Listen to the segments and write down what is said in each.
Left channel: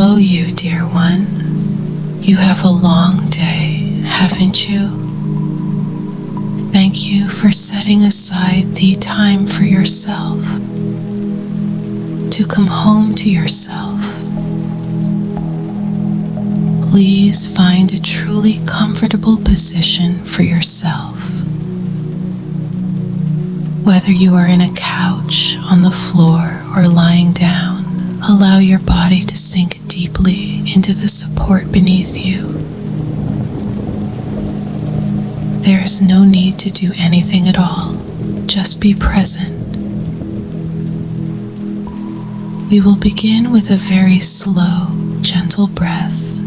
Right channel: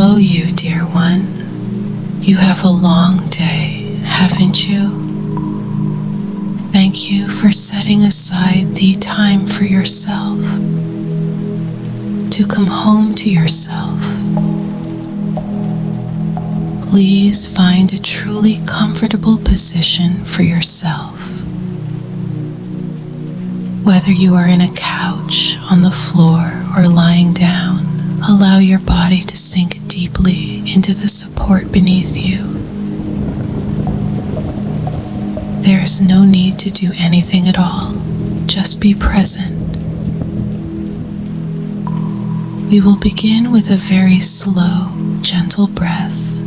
Hello, you dear one. You have a long day, haven't you? Thank you for setting aside the time for yourself, to come home to yourself. Please find a truly comfortable position for yourself. Whether you are in a couch, on the floor, or lying down, allow your body to sink deeply into the support beneath you. There is no need to do anything at all. Just be present. We will begin with a very slow, gentle breath.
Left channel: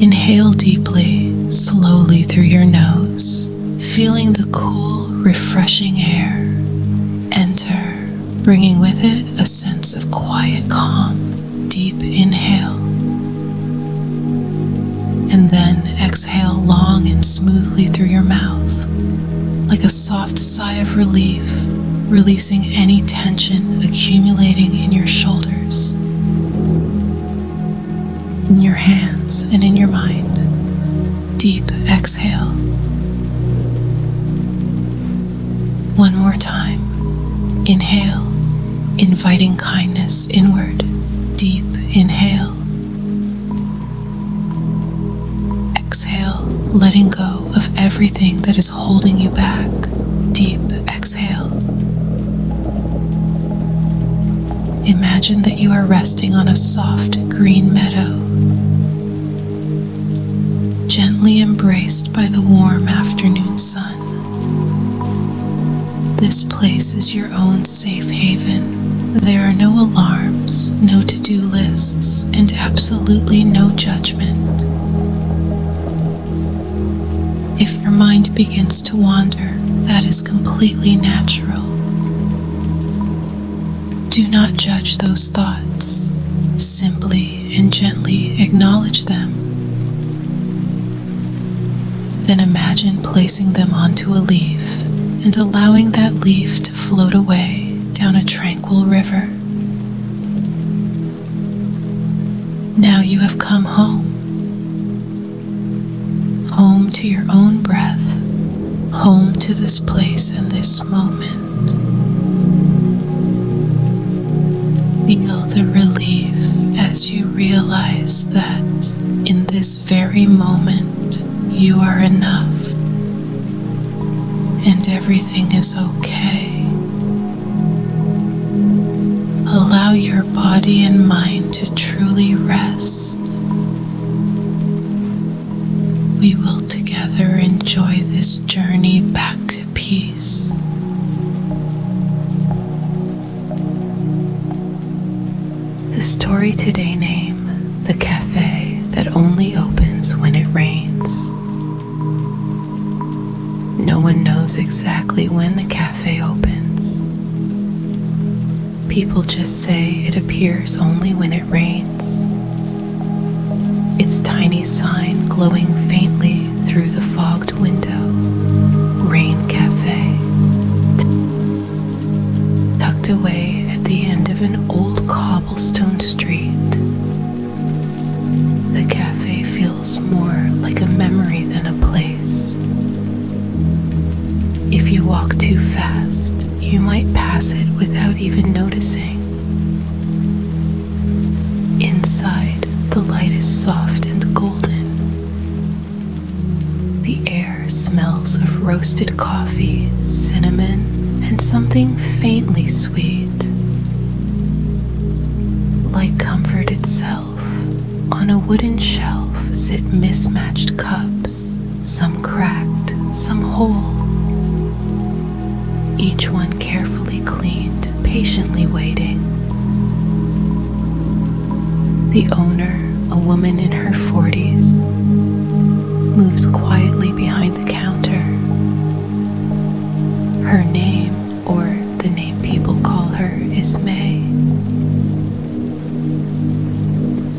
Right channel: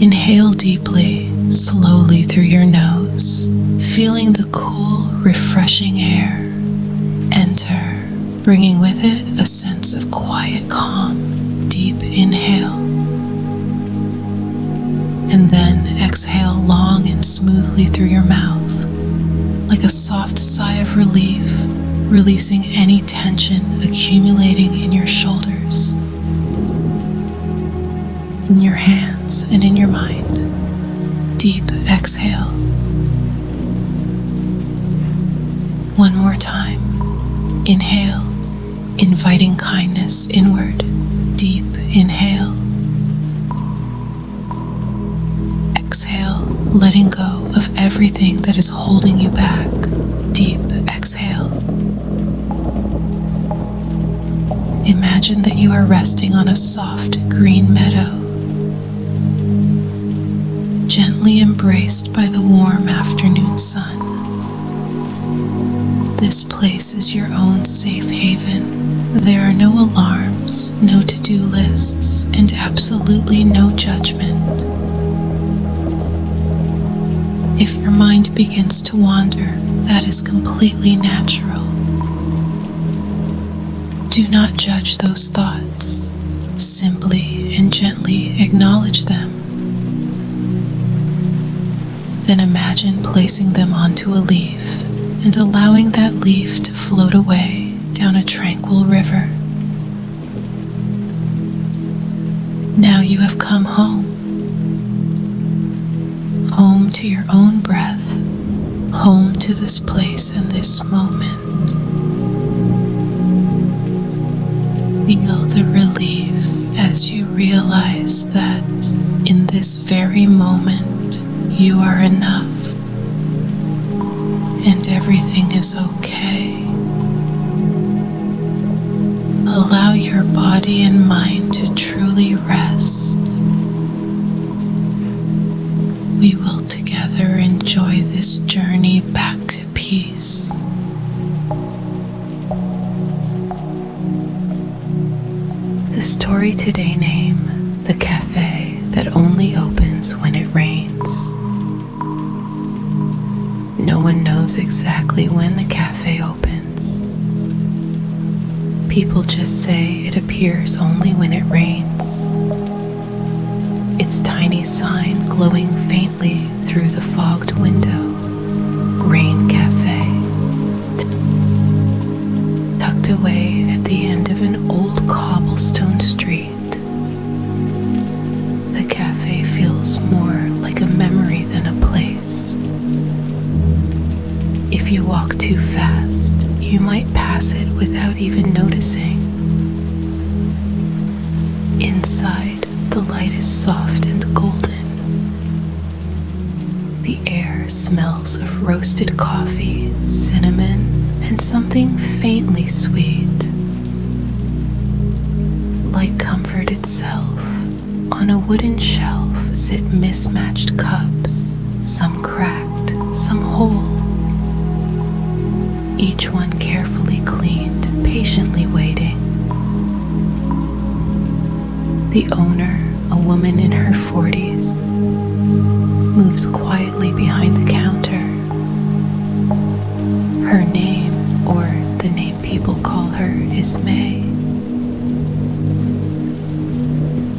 Inhale deeply, slowly through your nose, feeling the cool, refreshing air enter, bringing with it a sense of quiet calm. Deep inhale. And then exhale long and smoothly through your mouth, like a soft sigh of relief, releasing any tension accumulating in your shoulders, in your hands, and in your mind. Deep exhale. One more time. Inhale, inviting kindness inward. Deep inhale. Exhale, letting go of everything that is holding you back. Deep exhale. Imagine that you are resting on a soft green meadow, gently embraced by the warm afternoon sun. This place is your own safe haven. There are no alarms, no to-do lists, and absolutely no judgment. If your mind begins to wander, that is completely natural. Do not judge those thoughts. Simply and gently acknowledge them. Then imagine placing them onto a leaf and allowing that leaf to float away down a tranquil river. Now you have come home. Home to your own breath, home to this place and this moment. Feel the relief as you realize that in this very moment you are enough and everything is okay. Allow your body and mind to truly rest. We will together enjoy this journey back to peace. The story today name, The Cafe That Only Opens When It Rains. No one knows exactly when the cafe opens. People just say it appears only when it rains. Its tiny sign glowing faintly through the fogged window. Rain Cafe. Tucked away at the end of an old cobblestone street. The cafe feels more like a memory than a place. If you walk too fast, you might pass it without even noticing. Inside, the light is soft and golden. The air smells of roasted coffee, cinnamon, and something faintly sweet. Like comfort itself, on a wooden shelf sit mismatched cups, some cracked, some whole. Each one carefully cleaned, patiently waiting. The owner, a woman in her 40s, moves quietly behind the counter. Her name, or the name people call her, is May.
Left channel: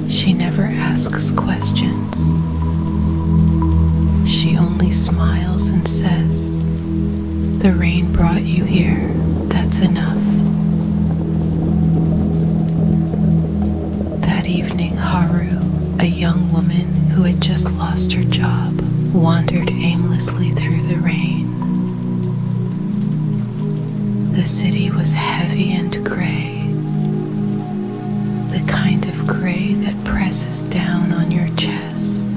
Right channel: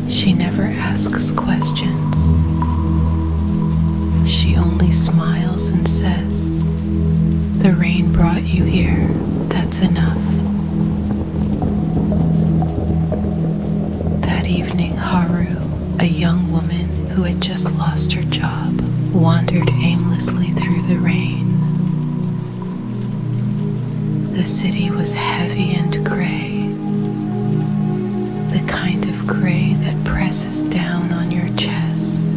She never asks questions. She only smiles and says, "The rain brought you here, that's enough." woman who had just lost her job wandered aimlessly through the rain. The city was heavy and gray, the kind of gray that presses down on your chest.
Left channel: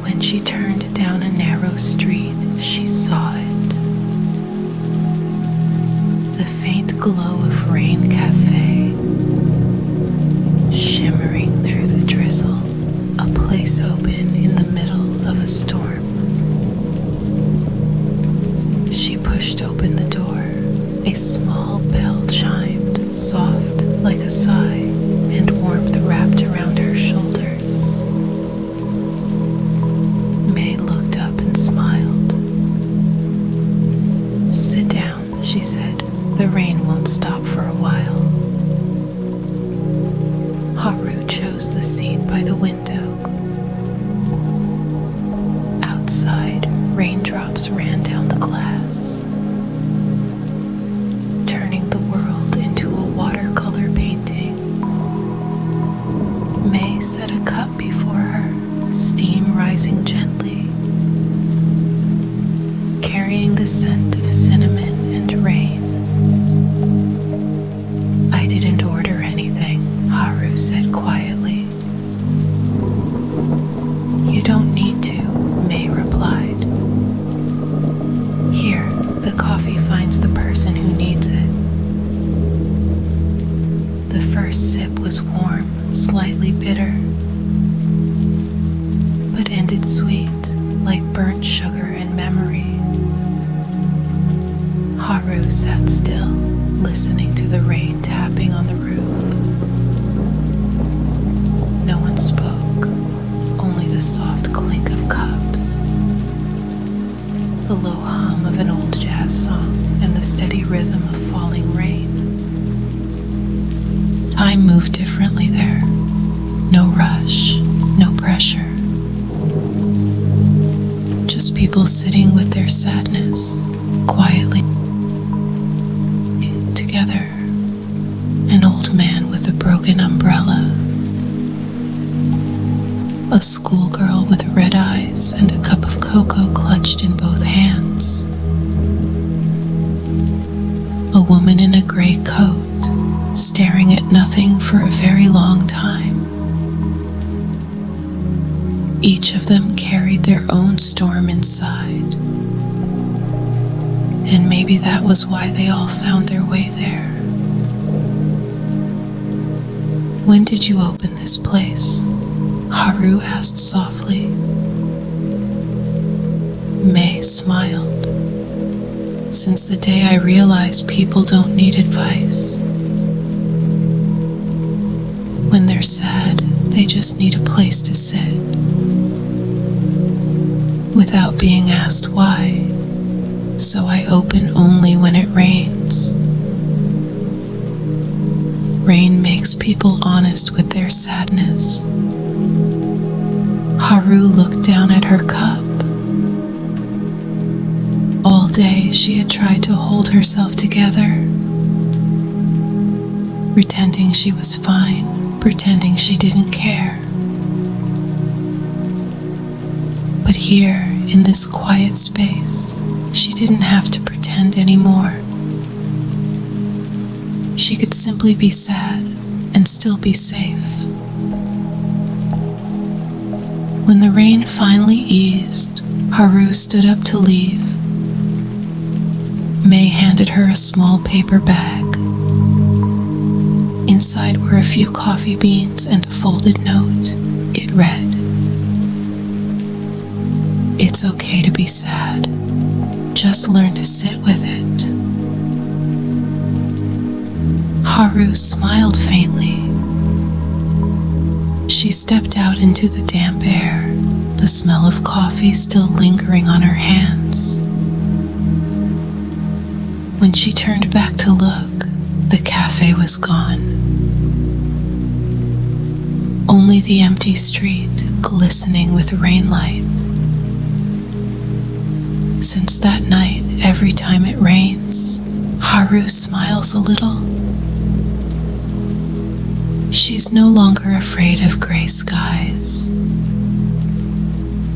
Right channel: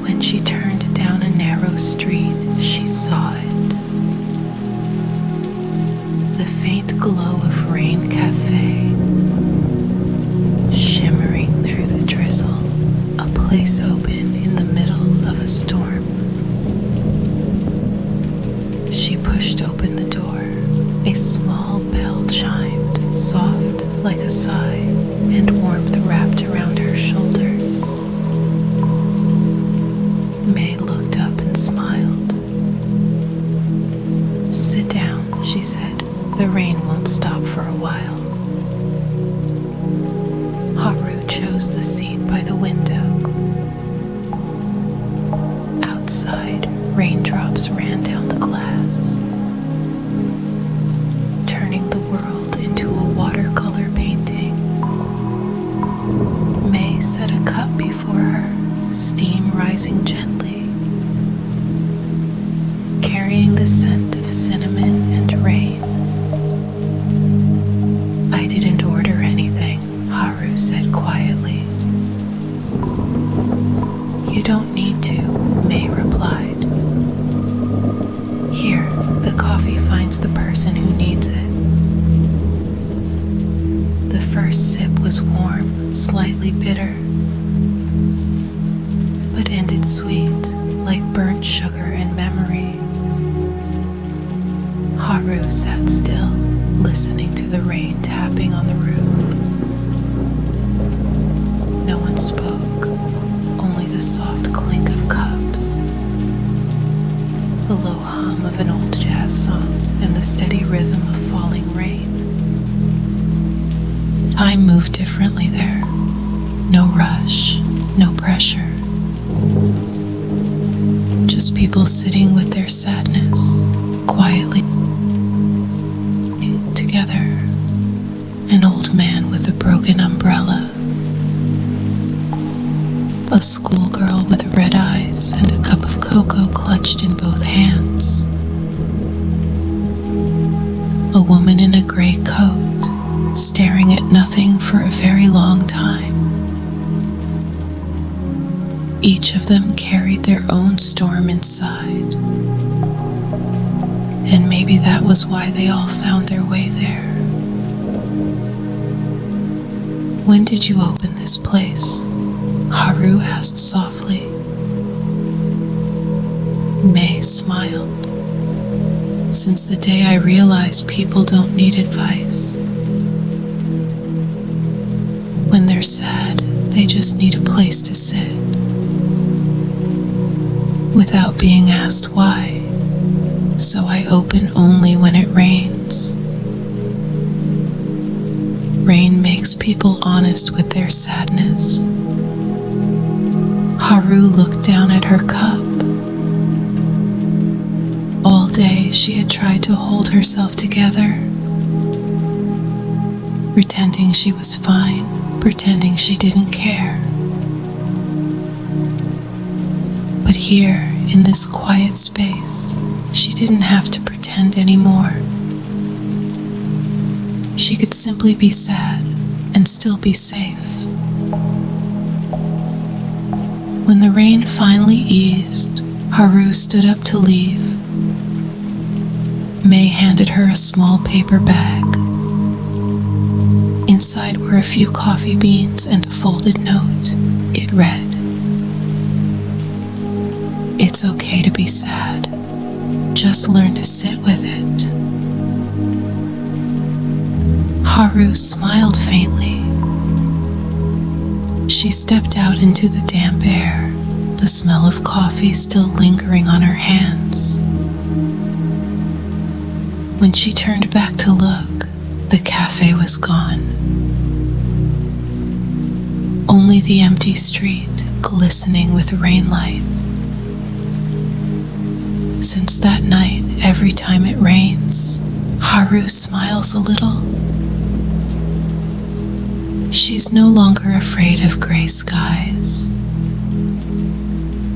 When she turned down a narrow street, she saw it. The faint glow of Rain Cafe, shimmering through the drizzle, a place open in the middle of a storm. She pushed open the door. A small bell chimed, soft like a sigh, and warmth wrapped around her shoulders. May looked up and smiled. "Sit down," she said. "The rain won't stop for a while." Haru chose the seat by the window. Outside, raindrops ran down the glass, turning the world into a watercolor painting. May set a cup before her, steam rising gently, carrying the scent of cinnamon and rain. "I didn't order anything," Haru said quietly. "You don't need to," May replied. "Here, the coffee finds the person who needs it." The first sip was warm, slightly bitter, but ended sweet, like burnt sugar and memory. Haru sat still, listening to the rain tapping on the roof. No one spoke, only the soft clink of cups, the low hum of an old jazz song, and the steady rhythm of falling rain. Time moved differently there. No rush, no pressure. Just people sitting with their sadness, quietly together. An old man with a broken umbrella, a schoolgirl with red eyes and a cup of cocoa clutched in both hands, a woman in a gray coat staring at nothing for a very long time. Each of them carried their own storm inside, and maybe that was why they all found their way there. "When did you open this place?" Haru asked softly. May smiled. "Since the day I realized people don't need advice. When they're sad, they just need a place to sit, without being asked why. So I open only when it rains. Rain makes people honest with their sadness." Haru looked down at her cup. All day she had tried to hold herself together, pretending she was fine, pretending she didn't care. But here, in this quiet space, she didn't have to pretend anymore. She could simply be sad and still be safe. When the rain finally eased, Haru stood up to leave. May handed her a small paper bag. Inside were a few coffee beans and a folded note. It read, "It's okay to be sad. Just learn to sit with it." Haru smiled faintly. She stepped out into the damp air, the smell of coffee still lingering on her hands. When she turned back to look, the cafe was gone. Only the empty street glistening with rainlight. Since that night, every time it rains, Haru smiles a little. She's no longer afraid of gray skies,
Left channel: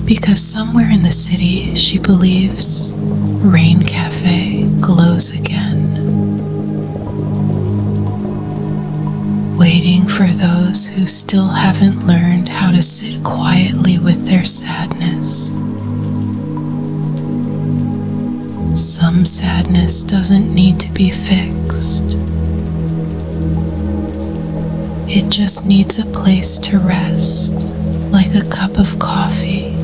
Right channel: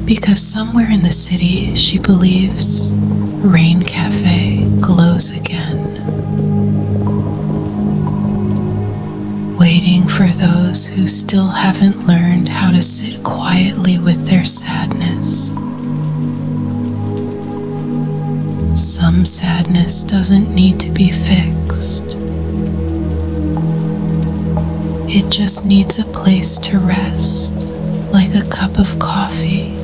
because somewhere in the city she believes Rain Cafe glows again, waiting for those who still haven't learned how to sit quietly with their sadness. Some sadness doesn't need to be fixed. It just needs a place to rest, like a cup of coffee,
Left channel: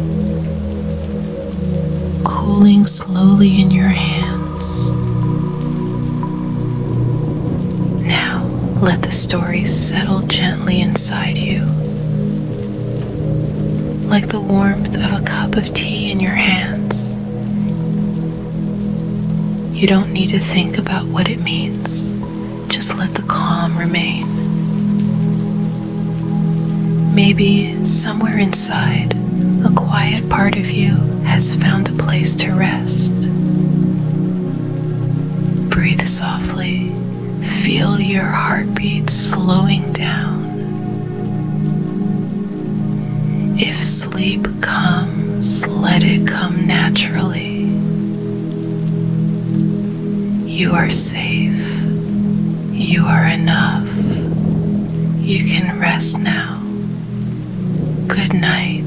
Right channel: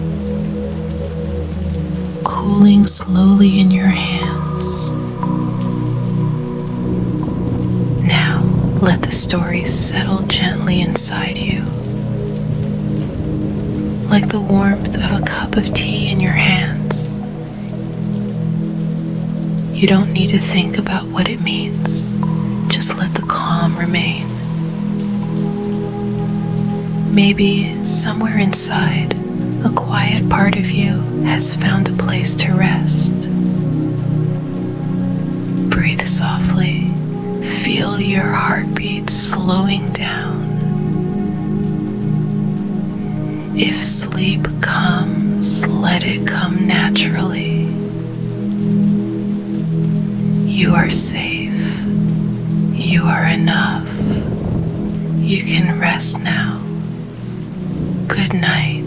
cooling slowly in your hands. Now, let the story settle gently inside you, like the warmth of a cup of tea in your hands. You don't need to think about what it means. Just let the calm remain. Maybe somewhere inside, a quiet part of you has found a place to rest. Breathe softly. Feel your heartbeat slowing down. If sleep comes, let it come naturally. You are safe. You are enough. You can rest now. Good night.